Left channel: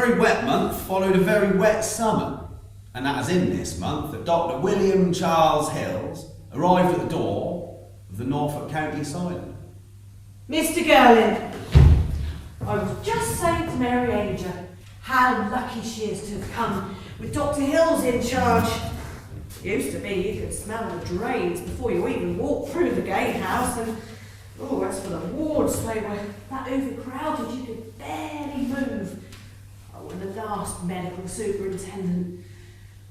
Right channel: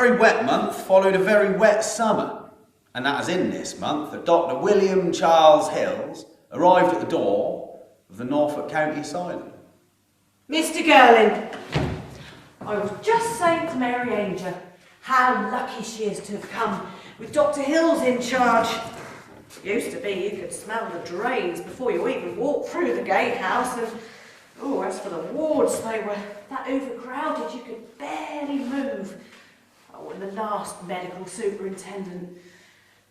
very wet month followed a very wet summer, and that was in this month that Dr. William Charles Hills arrived at the door of the Norfolk County Asylum. Mr. Girling, I was just saying to Mary Anger how lucky she is to have come with Dr. Hills in charge. It used to be you could smell the drains before you even walked through the gatehouse, and as for the wards, they were that overcrowded you could barely move. Oh, and the last medical superintendent,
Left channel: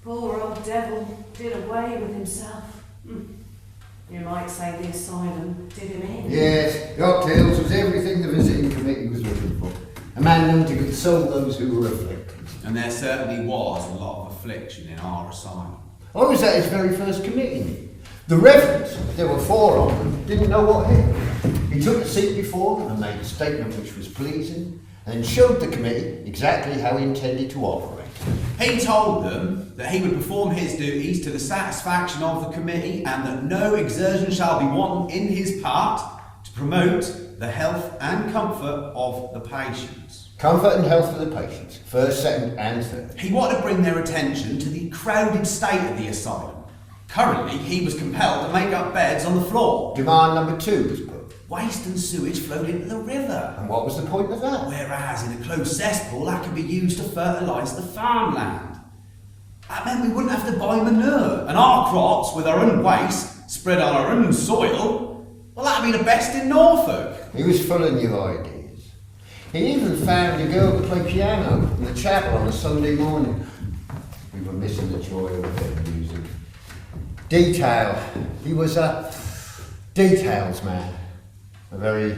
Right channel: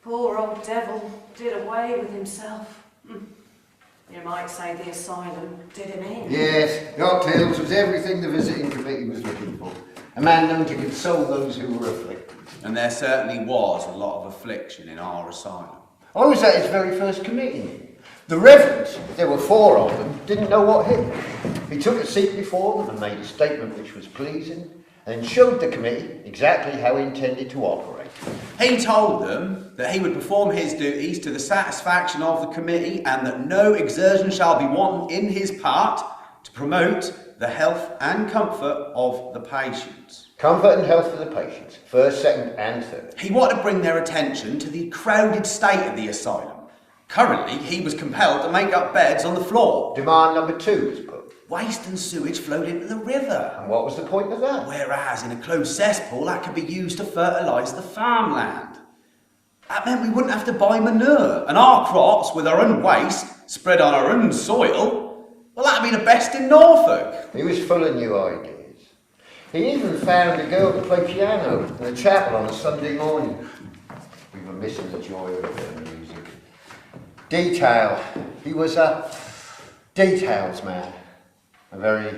poor old devil, did away with himself. You might say the asylum did him in. Yes, Dr. Hills was everything the visiting committee was looking for. A man known to console those who were afflicted. And there certainly was a lot of affliction in our asylum. I was at his very first committee meeting. The reverends, there were 4 of them, didn't know what hit them. He took a seat before them and made a statement which was pleasing, and showed the committee exactly how he intended to operate. He told them that he would perform his duties to the satisfaction of the committee, and that no exertion shall be wanting in his part to promote the health and comfort of the patients. Comfort and health for the patients, first, second and third. He wanted to bring their attention to the crowded state of the asylum. Currently, he was compelled to make up beds on the floor. Demand number 2 was put. Waste and sewage flowed into the river. And what was the point of that? Whereas in a closed cesspool, that could be used to fertilise the farmland. That meant we wouldn't have to buy manure, and our crops, with our own waste, spread on our own soil, well, that'd be the best in Norfolk. He was full of new ideas. He even found a girl to play piano in the chapel on a Sunday morning. We were missing the joy of a bit of music. Detail. He was a details man. A very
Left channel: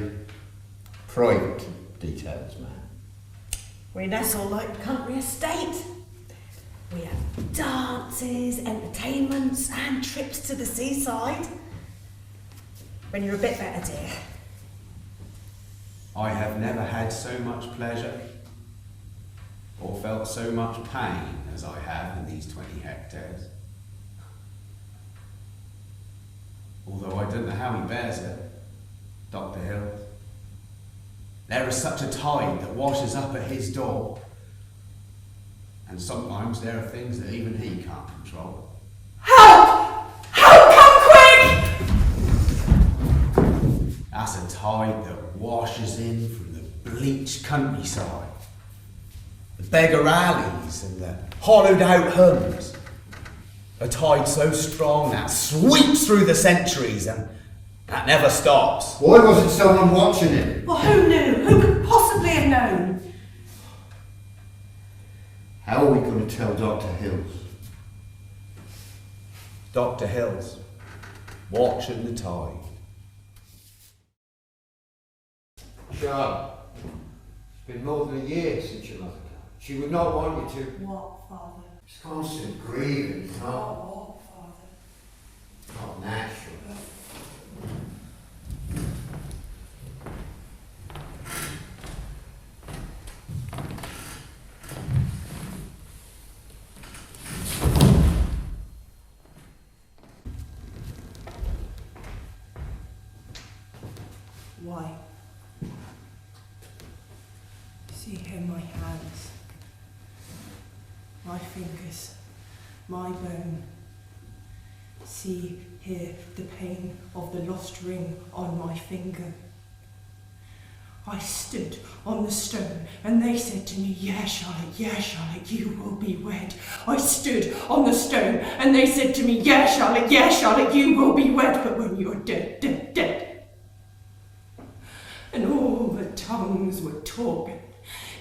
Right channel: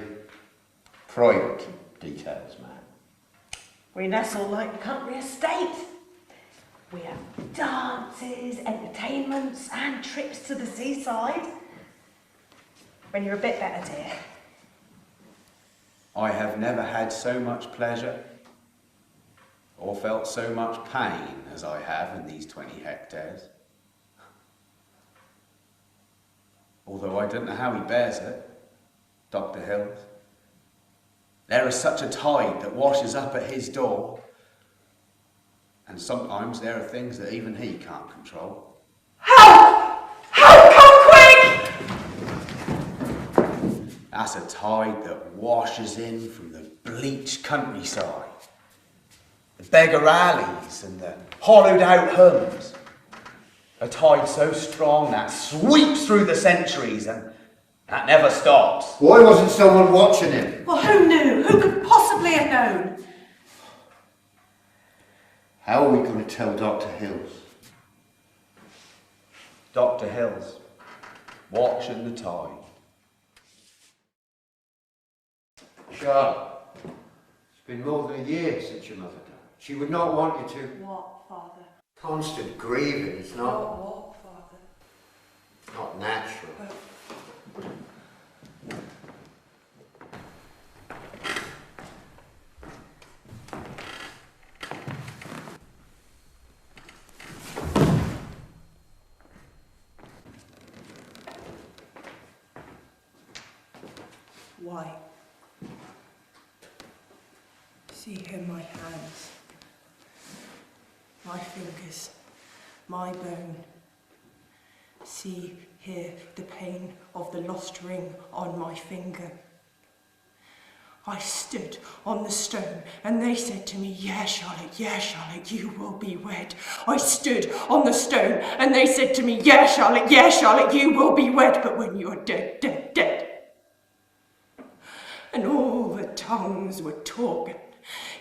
private details man. We nestle like a country estate. We have dances, entertainments, and trips to the seaside. When you're a bit better, dear. I have never had so much pleasure or felt so much pain as I have in these 20 hectares. Although I don't know how he bears it, Dr. Hills. There is such a tide that washes up at his door, and sometimes there are things that even he can't control. Help! Help, come quick! That's a tide that washes in from the bleached countryside, the beggar alleys and the hollowed out homes. A tide so strong that sweeps through the centuries and that never stops. Why wasn't someone watching him? Well, who knew? Who could possibly have known? How are we going to tell Dr. Hills? Dr. Hills, watching the tide. Charlotte, it's been more than a year since your mother died. She would not want you to... What, Father? It's constant grieving. It's not... What, Father? not natural. Why? See here my hands, my fingers, my bone. See here the pain of the lost ring on my finger. I stood on the stone and they said to me, yeah, Charlotte, you will be wed. I stood on the stone and they said to me, yeah, Charlotte, you will be wed. But when you are dead, dead, dead. And all the tongues were talking.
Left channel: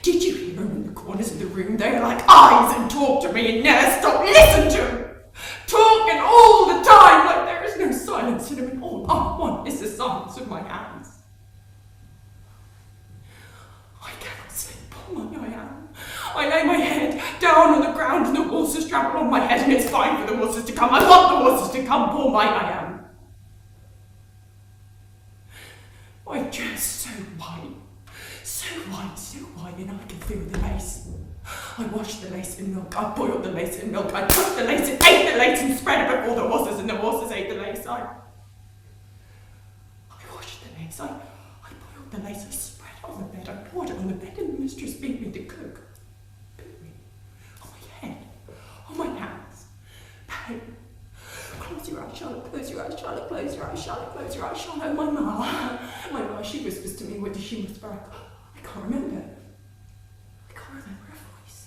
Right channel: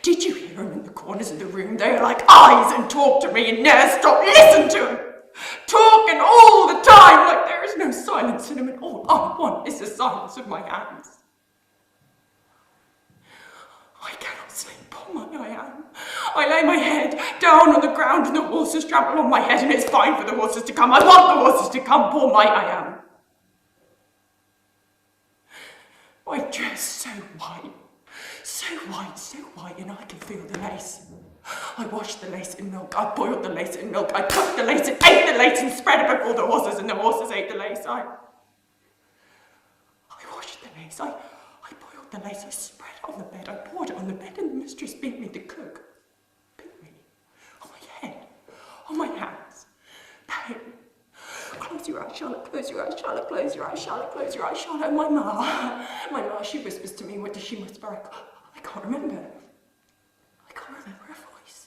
Did you hear them in the corners of the room? They were like eyes and talked to me and never stopped. Listen to them. Talking all the time like there is no silence in them, and all I want is the silence of my hands. I cannot sleep, poor my I am. I lay my head down on the ground and the horses trample on my head, and it's fine for the horses to come. I want the horses to come, poor my I am. My dress so white, and I can feel the lace. I washed the lace in milk, I boiled the lace in milk, I cooked the lace and ate the lace and spread it before the horses, and the horses ate the lace. I washed the lace, I boiled the lace, I spread it on the bed, I poured it on the bed, and the mistress beat me to cook. eyes, Charlotte, close your eyes, Charlotte, close your eyes, Charlotte, close your eyes, Charlotte. My ma, she whispers to me, what does she whisper? I can't remember. I can't remember her voice.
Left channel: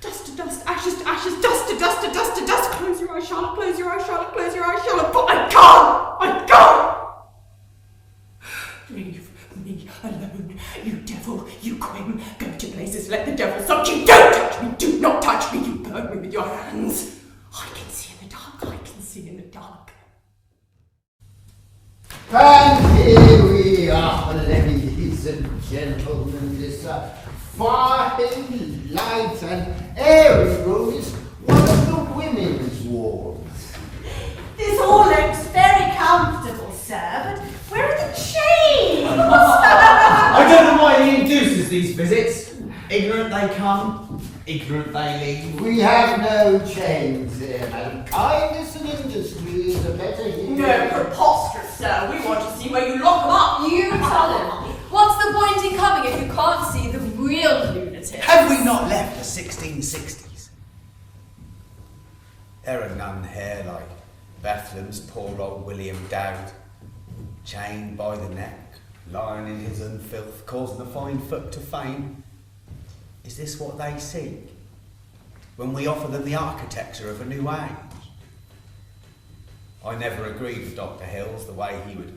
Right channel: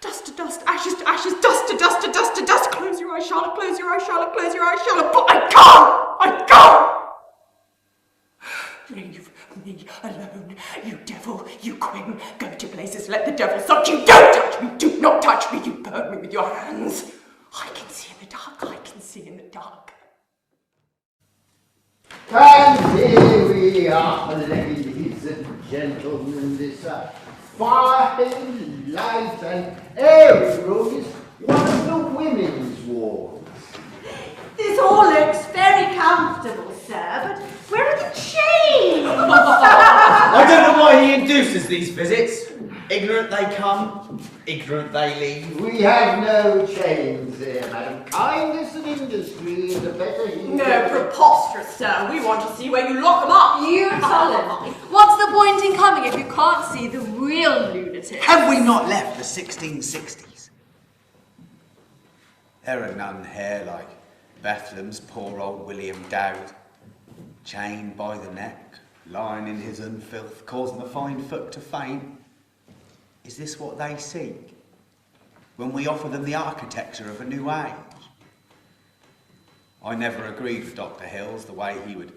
Dust to dust, ashes to ashes, dust to dust to dust to dust. Close your eyes, Charlotte, close your eyes, Charlotte, close your eyes, Charlotte. But I can't! Leave me alone, you devil, you quim. Go to places, let the devil suck you. Don't touch me, do not touch me, you burn me with your hands. I can see in the dark, I can see in the dark. And here we are, ladies and gentlemen. This fine, light and airy room is one of the women's wards. This all looks very comfortable, sir, but where are the chains? I don't know why he induces these visits. Ignorant they come, ignorant they leave. We have no chains here, madam. Kindness and industry is the better here. No, preposterous, sir. We want to see where you lock them up. You tell him. What's the point in coming if you can't see the real lunatics? Have we not left the 1660s? There are none here like Bethlehem's poor old William Dowd, chained by the neck, lying in his unfilth, causing the fine foot to fame. Is this what they seek when we offer them the architecture of a new age? I never agreed with Dr Hills the way he would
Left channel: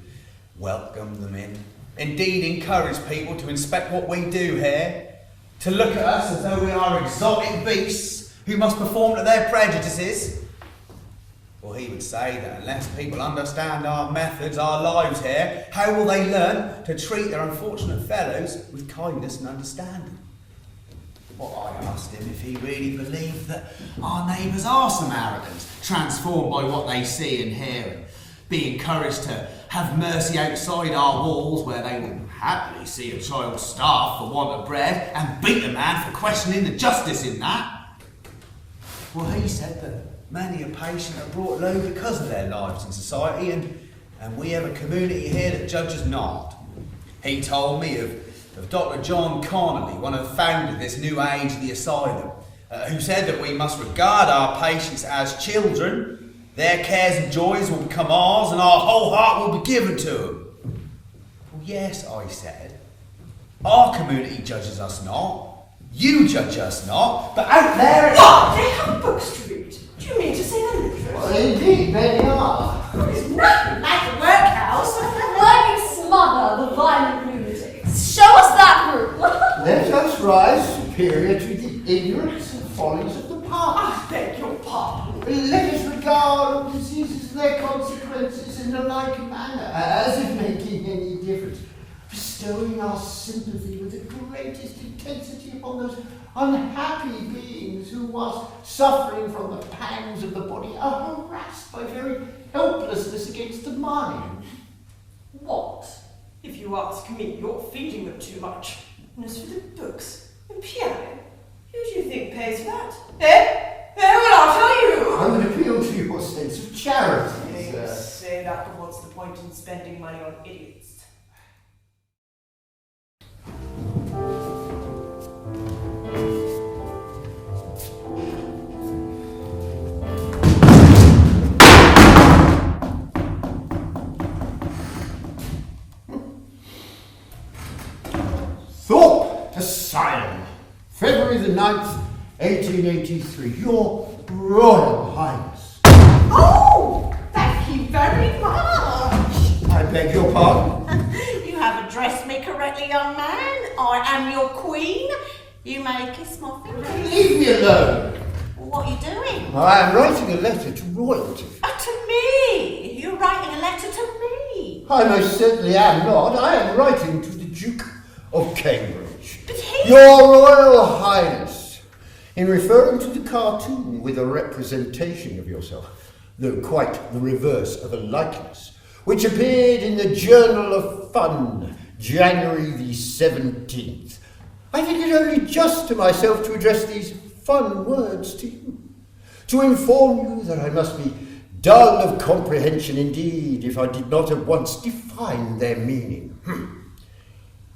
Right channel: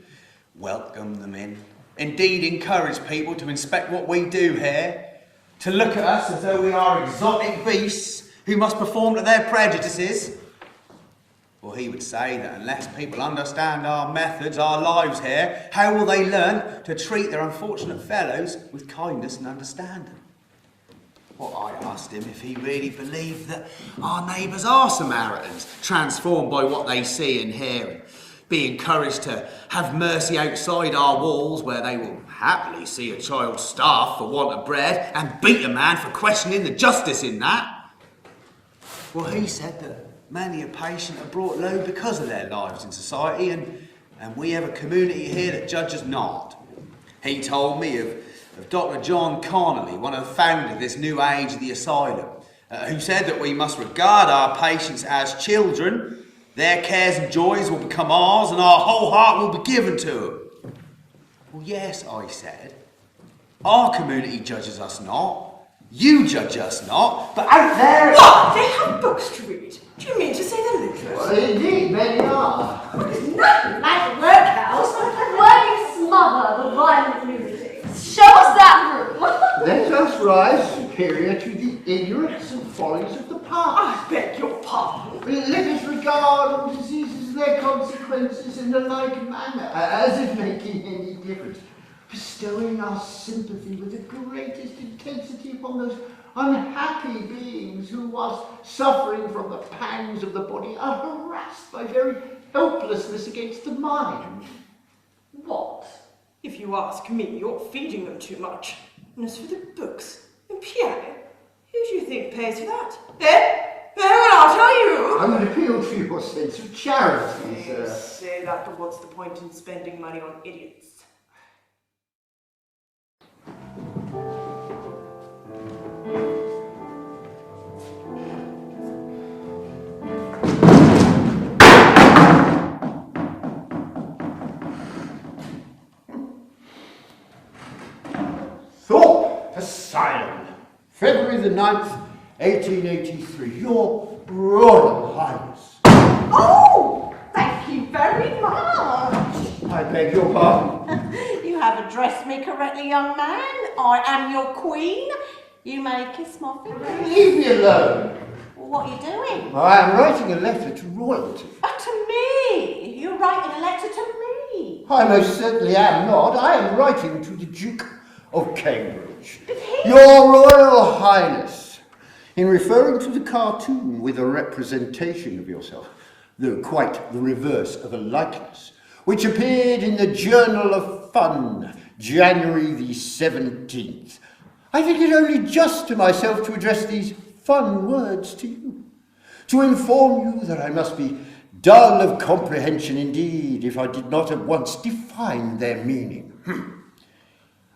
welcome them in. Indeed, encourage people to inspect what we do here, to look at us as though we are exotic beasts who must perform to their prejudices. Well, he would say that unless people understand our methods, our lives here, how will they learn to treat their unfortunate fellows with kindness and understanding? Well, I asked him if he really believed that our neighbours are Samaritans, transformed by what they see and hear, and be encouraged to have mercy outside our walls, where they will happily see a child starve for want of bread and beat a man for questioning the justice in that. Well, he said that many a patient are brought low because of their lives in society, and we have a community here that judges not. He told me of Dr John Connolly, one of the founders of this new age of the Asylum, who said that we must regard our patients as children. Their cares and joys will become ours, and our whole heart will be given to them. Well, yes, I said. Our community judges us not. You judge us not. But out there... What? They have books to read. Do you mean to say they're literate? Well, indeed, many are. There's nothing like a workhouse. Where you smother the violent lunatics. Show us that room. Let us rise superior to the ignorance and follies of the past. I beg your pardon. Let us regard all diseases and their consequences in the like manner, as if making any difference, bestowing our sympathy with the greatest intensity upon those unhappy beings who, whilst suffering from the pangs of the body, are harassed by very helplessness against the mind. What? If you ask me, you're feeding them too much. And as for the books and piano, who do you think pays for that? Well, I'll tell you. I would appeal to your sense of charity, You say that, but what's the point in spending money on idiots? Thorpe Asylum, February the 9th, 1883. Your Royal Highness. Oh, thank you very much. I beg your pardon? You have addressed me correctly, young man. I am your queen. You may kiss my fingers. Leave me alone. What are you doing? Well, I am writing a letter to royalty. To me. You're writing a letter to me. I most certainly am not. I am writing to the Duke of Cambridge. But he... Your Royal Highness, in referring to the cartoon with a representation of yourself, though quite the reverse of a likeness, which appeared in the Journal of Fun, January the 17th, I think it only just to myself to address these fun words to you, to inform you that I must be dull of comprehension indeed if I did not at once define their meaning.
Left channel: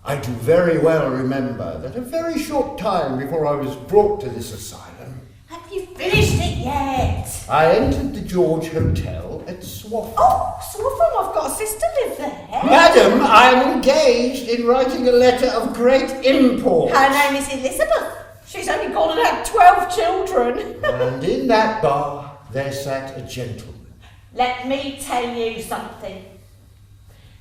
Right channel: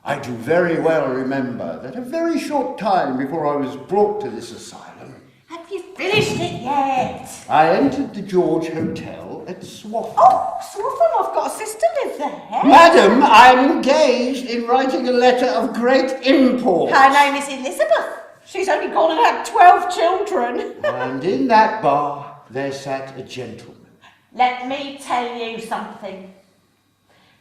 I do very well remember that a very short time before I was brought to this asylum, Have you finished it yet? I entered the George Hotel at Swaffham. Oh, Swaffham, I've got a sister live there. Madam, I am engaged in writing a letter of great import. Her name is Elizabeth. She's only gone and had 12 children. And in that bar, there sat a gentleman. Let me tell you something.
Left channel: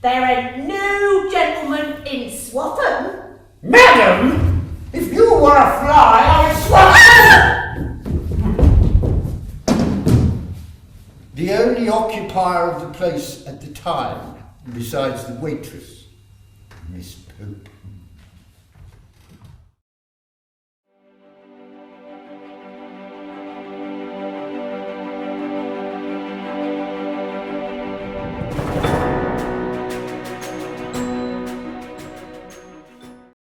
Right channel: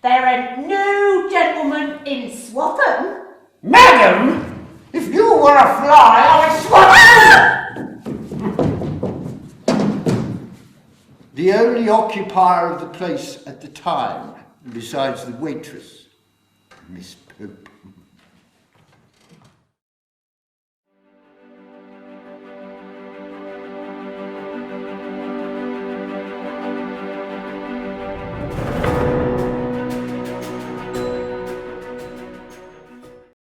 There ain't no gentleman in Swaffham. Madam, if you were a fly, I'd swat you! The only occupier of the place at the time, besides the waitress, Miss Pope.